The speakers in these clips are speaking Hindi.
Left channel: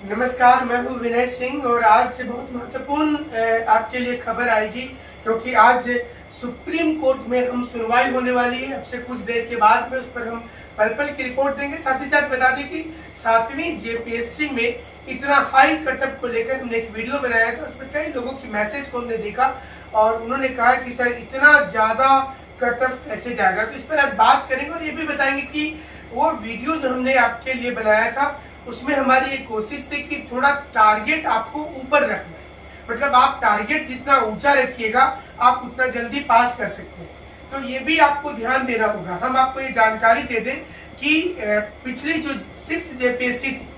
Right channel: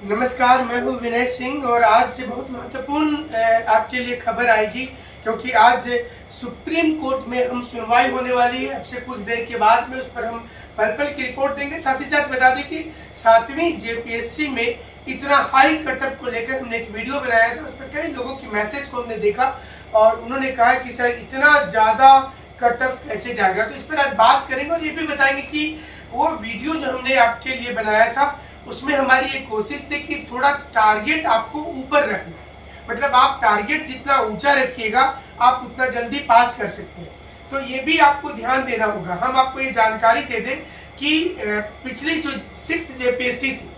नमस्कार, मैं हूँ विनय सिंह और आज से बहुत महत्वपूर्ण आपके लिए खबर आएगी क्योंकि आज सुप्रीम कोर्ट में हम सुनवाई होने वाली है। अब से कुछ देर के बाद में उस पर हम पल की रिपोर्ट देंगे। साथ ही साथ बता दें कि 7वीं जेपीएससी में इतना हाई कटअप को लेकर हमने एक वीडियो बनाया था। उस पर कई लोगों की मैसेज को हमने देखा और उन्होंने कहा कि सर इतना ज़्यादा कटअप कैसे जाएगा, तो इस पर आज बात करेंगे और ये भी बताएंगे कि वो वीडियो जो हमने आपके लिए बनाया था उसमें हमारी एक कोशिश थी कि थोड़ा टारगेट आपको ऊपर रखना है। मतलब आप टारगेट जितना ऊंचा रखिएगा आप उतना जल्दी पास कर सकते हैं। तो ये भी आपको ध्यान देना होगा। हम आपको ये जानकारी दे दें कि पिछली जो 6th जेपीएससी थी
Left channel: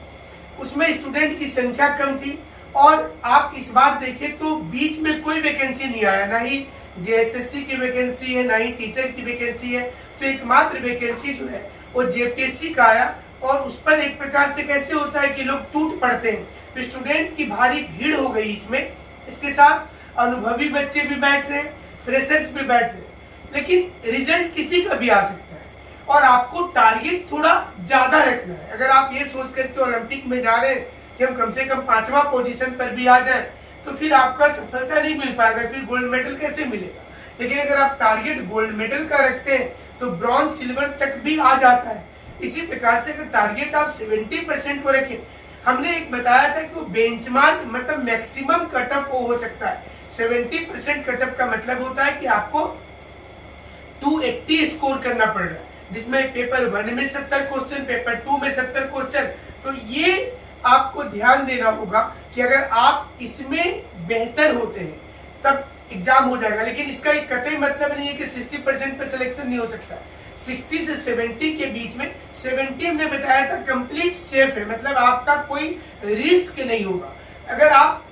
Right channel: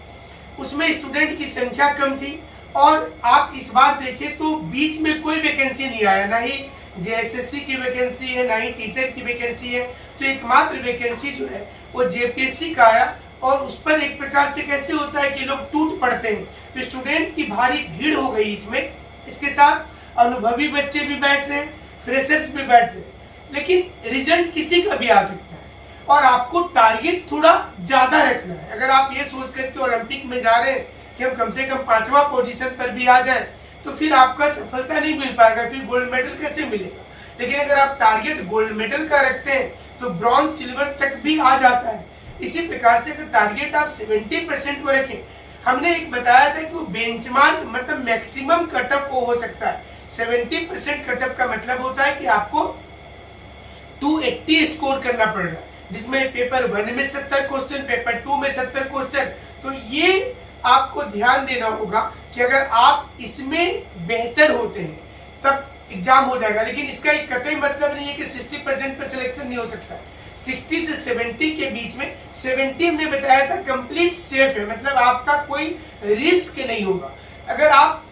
उसमें स्टूडेंट की संख्या कम थी और आप इस बार देखें तो बीच में कोई वैकेंसी नहीं आया, ना ही जेएसएससी की वैकेंसी है, ना ही टीचर की वैकेंसी है। तो एकमात्र वैकेंसी जो है वो जेपीएससी का आया और उस पर एक प्रकार से कैसे होता है कि लोग टूट पड़ते हैं। तो स्टूडेंट की भारी भीड़ हो गई इसमें। इसके साथ अनुभवी बच्चे भी बैठ रहे हैं, फ्रेशर्स भी बैठ रहे हैं, लेकिन रिजल्ट किसी का भी आ सकता है और आपको टारगेट थोड़ा ज्यादा रखना है। अगर आप ये सोच करके ओलंपिक में जा रहे हैं कि हम कम से कम 5वां पोजीशन पर भी आ जाए तो फिर आपका सफलता नहीं मिल पाएगा, फिर गोल्ड मेडल कैसे मिलेगा। लेकिन अगर आप टारगेट गोल्ड मेडल का रखते हैं तो ब्रॉन्ज सिल्वर तक भी आ जाता है। इसी प्रकार से अगर टारगेट आप 70% को रखें, हमने एक बताया था कि वो बेंचमार्क मतलब मैक्सिमम कटअप हो सकता है। 70% कटअप का मतलब होता है कि आपको 280 स्कोर करना पड़ रहा है, जिसमें पेपर 1 में 70 क्वेश्चन, पेपर 2 में 70 क्वेश्चन। तो ये आपको ध्यान देना होगा कि अगर आप इसमें बेहतर होते हैं तब एग्जाम हो जाएगा। लेकिन इसका एक कतई मतलब नहीं है कि 60% पे सिलेक्शन नहीं हो सकता। 60 से 70 के बीच में, 70 हमने बताया था कंप्लीट सेफ है, मतलब आपका कोई रिस्क नहीं होगा। अगर आप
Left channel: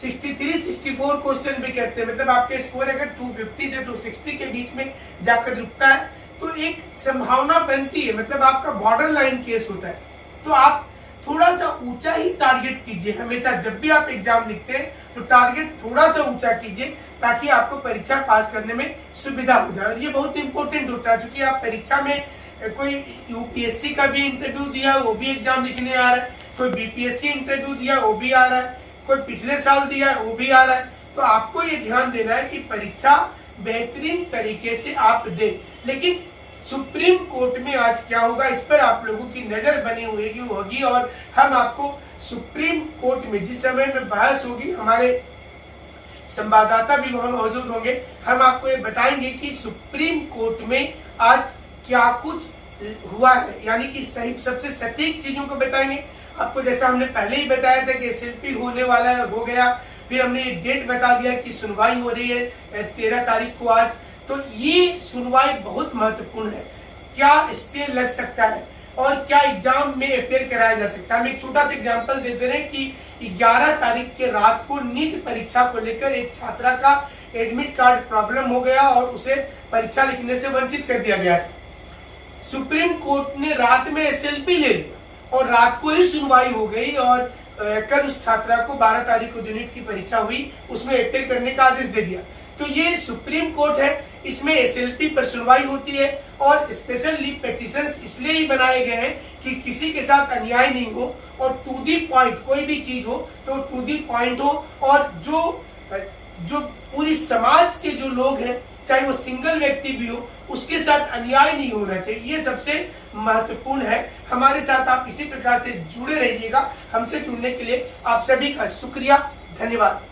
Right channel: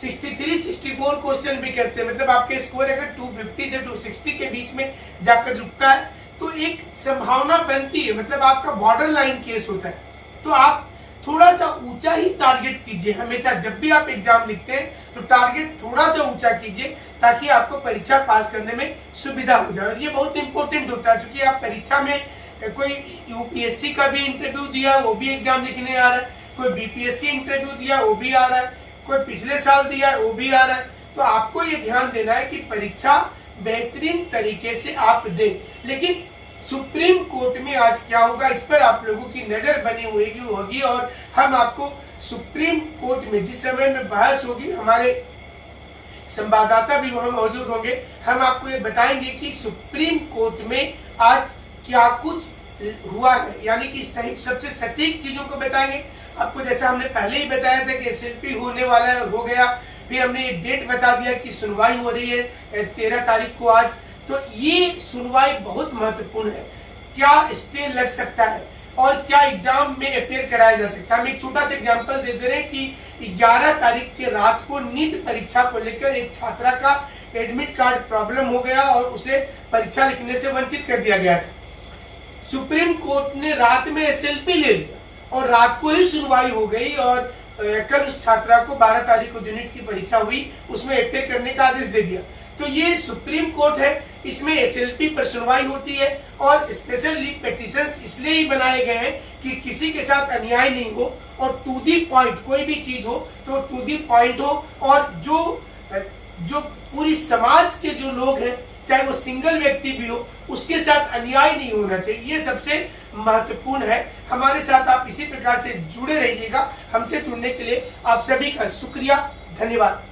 63-64 क्वेश्चन भी करते हैं, मतलब आपके स्कोर अगर 250 से 260 के बीच में जाकर रुकता है तो एक संभावना बनती है, मतलब आपका बॉर्डर लाइन केस होता है। तो आप थोड़ा सा ऊंचा ही टारगेट कीजिए। हमेशा जब भी आप एग्जाम लिखते हैं तो टारगेट थोड़ा सा ऊंचा कीजिए ताकि आपको परीक्षा पास करने में सुविधा हो जाए। और ये बहुत इंपॉर्टेंट होता है क्योंकि आप परीक्षा में कोई यूपीएससी का भी इंटरव्यू दिया वो भी एग्जाम लिखने आ रहा है, कोई बीपीएससी इंटरव्यू दिया वो भी आ रहा है, कोई पिछले साल दिया वो भी आ रहा है। तो आपको ये ध्यान देना है कि परीक्षा बेहतरीन तरीके से आप दें। लेकिन सुप्रीम कोर्ट में आज क्या होगा इस पर आप लोगों की नजर बनी होगी और हम आपको सुप्रीम कोर्ट में जिस समय में बहस होगी, हमारे संवाददाता भी वहां मौजूद होंगे, हम आपको ये बताएंगे कि सुप्रीम कोर्ट में आज क्या कुछ हुआ है, यानी कि सही सबसे सटीक चीजों को बताएंगे आपको। जैसा हमने पहले ही बताया था कि एसएलपी होने वाला है, हो गया। फिर हमने एक डेट बता दिया कि सुनवाई हो रही है 13 तारीख को आज। तो ये सुनवाई बहुत महत्वपूर्ण है। क्या स्टे लग सकता है और क्या एग्जाम में अपेयर कराया जा सकता है। हम एक छोटा सा एग्जांपल दे रहे हैं कि 11 तारीख के रात को नीट परीक्षा को लेकर एक छात्रा का एडमिट कार्ड प्रॉब्लम हो गया और उसे परीक्षा लिखने से वंचित कर दिया गया था। सुप्रीम कोर्ट ने रात में एसएलपी ले लिया और रात को ही सुनवाई हो गई और कल उस छात्रा को 12 तारीख को जो नीट की परीक्षा हुई उसमें अपेयर करने का आदेश दे दिया। तो ये सुप्रीम कोर्ट है, इसमें एसएलपी पर सुनवाई होती है और स्पेशल लीव पिटीशंस इसलिए ही बनाए गए हैं कि किसी के साथ अन्याय नहीं हो और टू दी पॉइंट कोई भी चीज हो तो टू दी पॉइंट हो। और जो पूरी समाज के जो लोग हैं, चाहे वो सिंगल व्यक्ति भी हो, उसके साथ अन्याय नहीं होना चाहिए। ये सबसे महत्वपूर्ण है। हमारे साथ आप इसी प्रकार से जुड़े रहिएगा। हमसे जुड़ने के लिए आप सभी का शुक्रिया, धन्यवाद।